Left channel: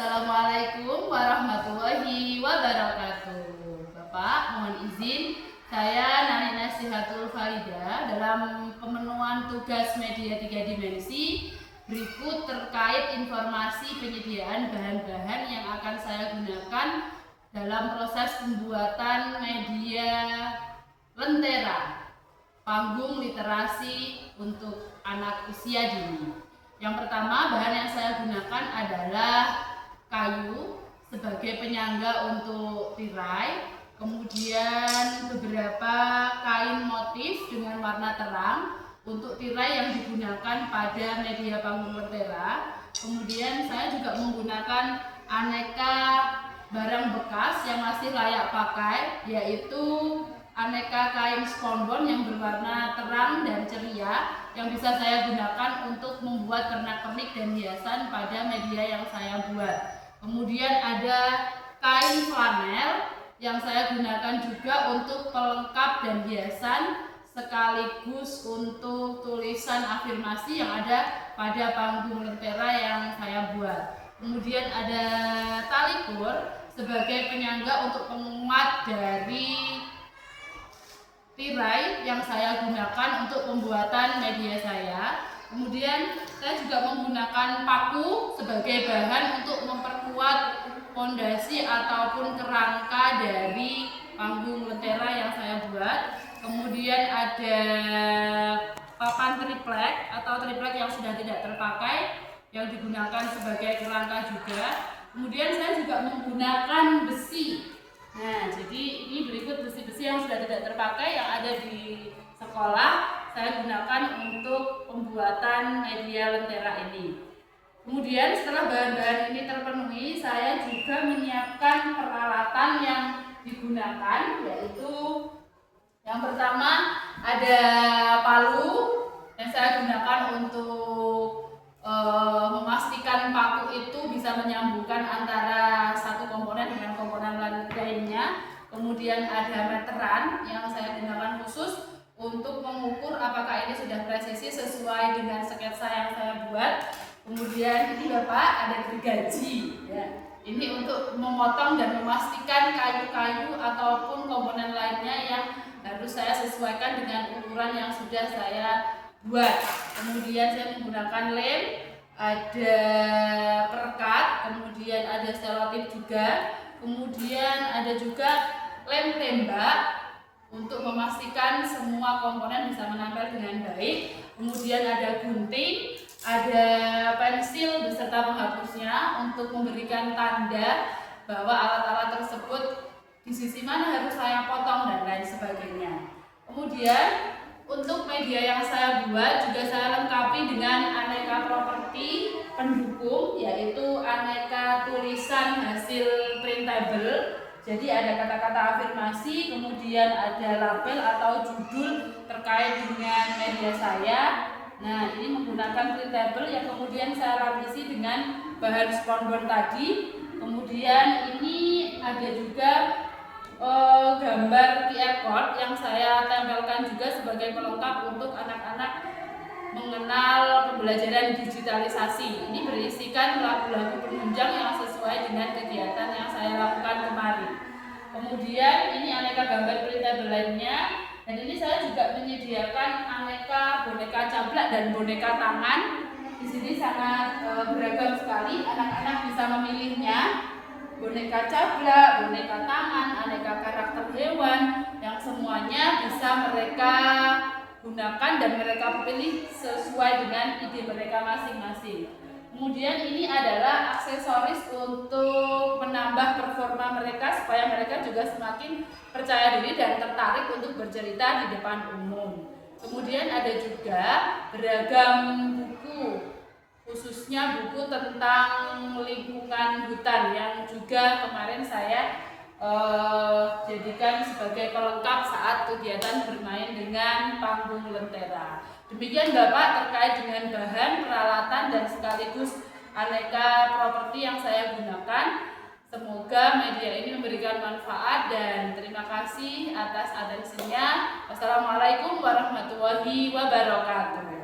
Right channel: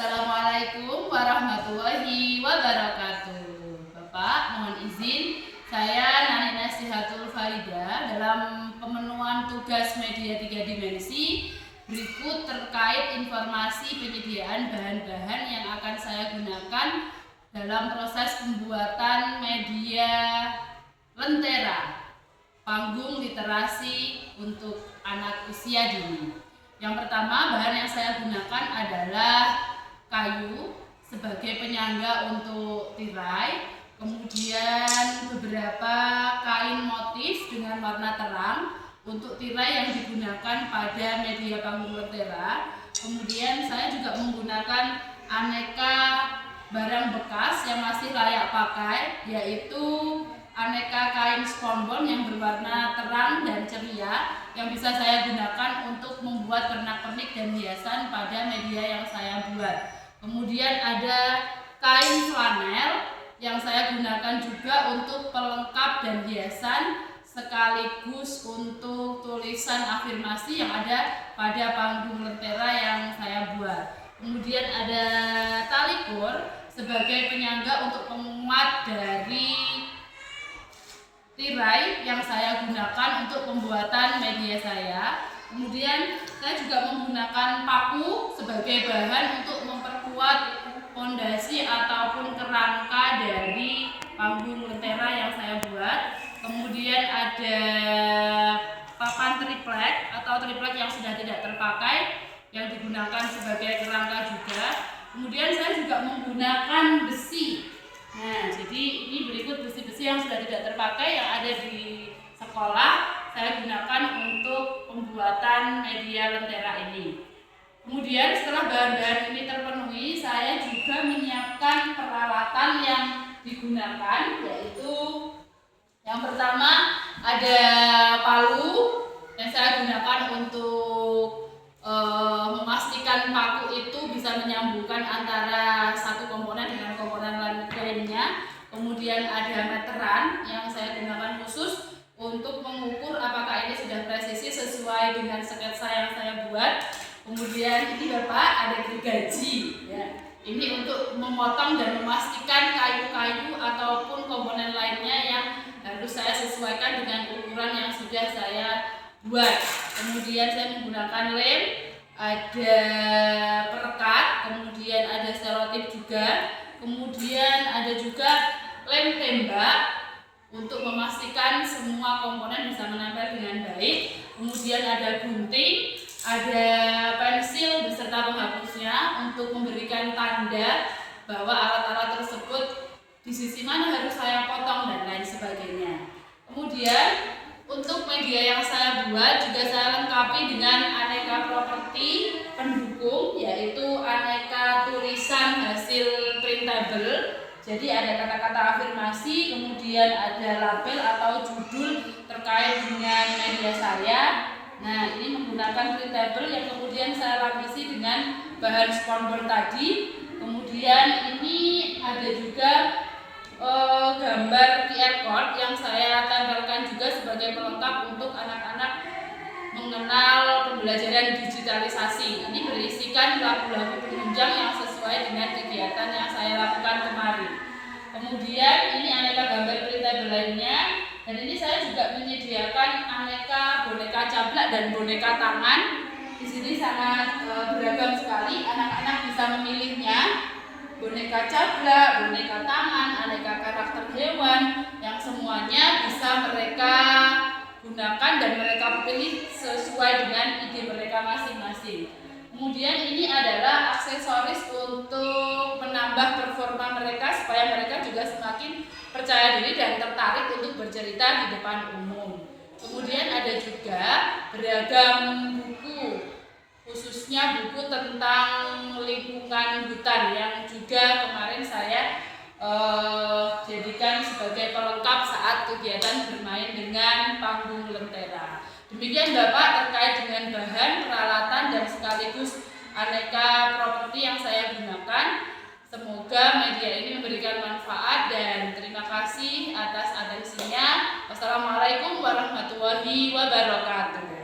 Assalamualaikum warahmatullahi wabarakatuh. Bapak, mohon izin saya Nani Nasihatul Farida dalam pemenuhan tugas media 3 dimensi berikut terkait informasi penyediaan bahan-bahan yang akan saya gunakan dalam proses pembuatan media Lentera panggung literasi untuk anak usia dini. Yang pertama, bahan yang saya gunakan adalah kayu sebagai penyangga untuk tirai, kemudian beberapa kain motif dengan warna terang untuk tirai yang digunakan pada media panggung Lentera. Kemudian saya juga menggunakan aneka barang bekas yang masih layak pakai, yaitu aneka kain spons yang berwarna terang dan ceria yang bisa saya gunakan untuk membuat pernak-pernik dan hiasan pada media yang saya buat. Kemudian ada kain flanel yang saya gunakan juga untuk pelengkap dan hiasan sekaligus untuk tulisan afirmasi yang ada pada panggung Lentera yang saya buat. Kemudian ada tali kur sebagai penyangga untuk penguat dari tirai yang saya gunakan untuk pembuatan media saya. Kemudian saya juga menggunakan paku sebagai bahan untuk memperkuat fondasi ataupun kerangka dari panggung Lentera yang saya buat. Kemudian ada papan triplek atau triplek yang sudah tidak terpakai yang digunakan sebagai kerangka juga. Kemudian saya juga menggunakan besi. Nah, jadi ini berikut besi-besi yang sudah tidak terpakai yang ada di sekolah saya gunakan untuk pembuatan media Lentera ini. Kemudian setelah bahan-bahan ini terpenuhi, saya juga menyiapkan peralatan yang digunakan, yaitu yang pertama ada palu yang saya gunakan untuk memastikan paku itu bisa menyambungkan antara satu komponen dengan komponen lainnya. Kemudian ada meteran yang saya gunakan khusus untuk mengukur apakah ini sudah presisi sesuai dengan sketsa yang saya buat. Kemudian ini Bapak ada gergaji ya. Ini untuk memotong dan memastikan kayu-kayu ataupun komponen lainnya yang harus saya sesuaikan dengan ukuran yang sudah saya buat. Kemudian saya menggunakan lem, ada perekat, kemudian ada selotip juga, kemudian ada juga lem tembak untuk memastikan semua komponen bisa menempel dengan baik. Kemudian ada gunting, ada pensil beserta penghapusnya untuk memberikan tanda bahwa alat-alat tersebut di sisi mana harus saya potong dan lain sebagainya. Kemudian untuk media yang saya buat juga saya lengkapi dengan aneka properti pendukung, yaitu aneka tulisan hasil printable. Jadi ada kata-kata afirmasi, kemudian ada label atau judul terkait dengan media saya. Nah, ini menggunakan printable yang kemudian saya lapisi dengan bahan spons tadi. Kemudian ini ada juga gambar QR code yang saya tempelkan juga sebagai pelengkap untuk anak-anak mengenal pembelajaran digitalisasi. Ini berisikan lagu-lagu penunjang yang sesuai dengan kegiatan yang saya lakukan kemarin. Kemudian ini aneka gambar printable lainnya, dan ini saya juga menyediakan aneka boneka cablak dan boneka tangan. Di sini sangat beragam sekali, anak-anak bisa memilihnya. Boneka cablak, boneka tangan, aneka karakter hewan yang semuanya bisa mereka gunakan dan mereka pilih sesuai dengan ide mereka masing-masing. Kemudian ini adalah aksesoris untuk menambah performa mereka supaya mereka juga semakin percaya diri dan tertarik untuk bercerita di depan umum. Kemudian ada juga beragam buku, khususnya buku tentang lingkungan hutan yang juga kemarin saya jadikan sebagai pelengkap saat kegiatan bermain dengan panggung Lentera. Demikian Bapak terkait dengan bahan, peralatan, dan sekaligus aneka properti yang saya gunakan. Semoga media ini memberikan manfaat dan terima kasih atas atensinya. Wassalamualaikum warahmatullahi wabarakatuh.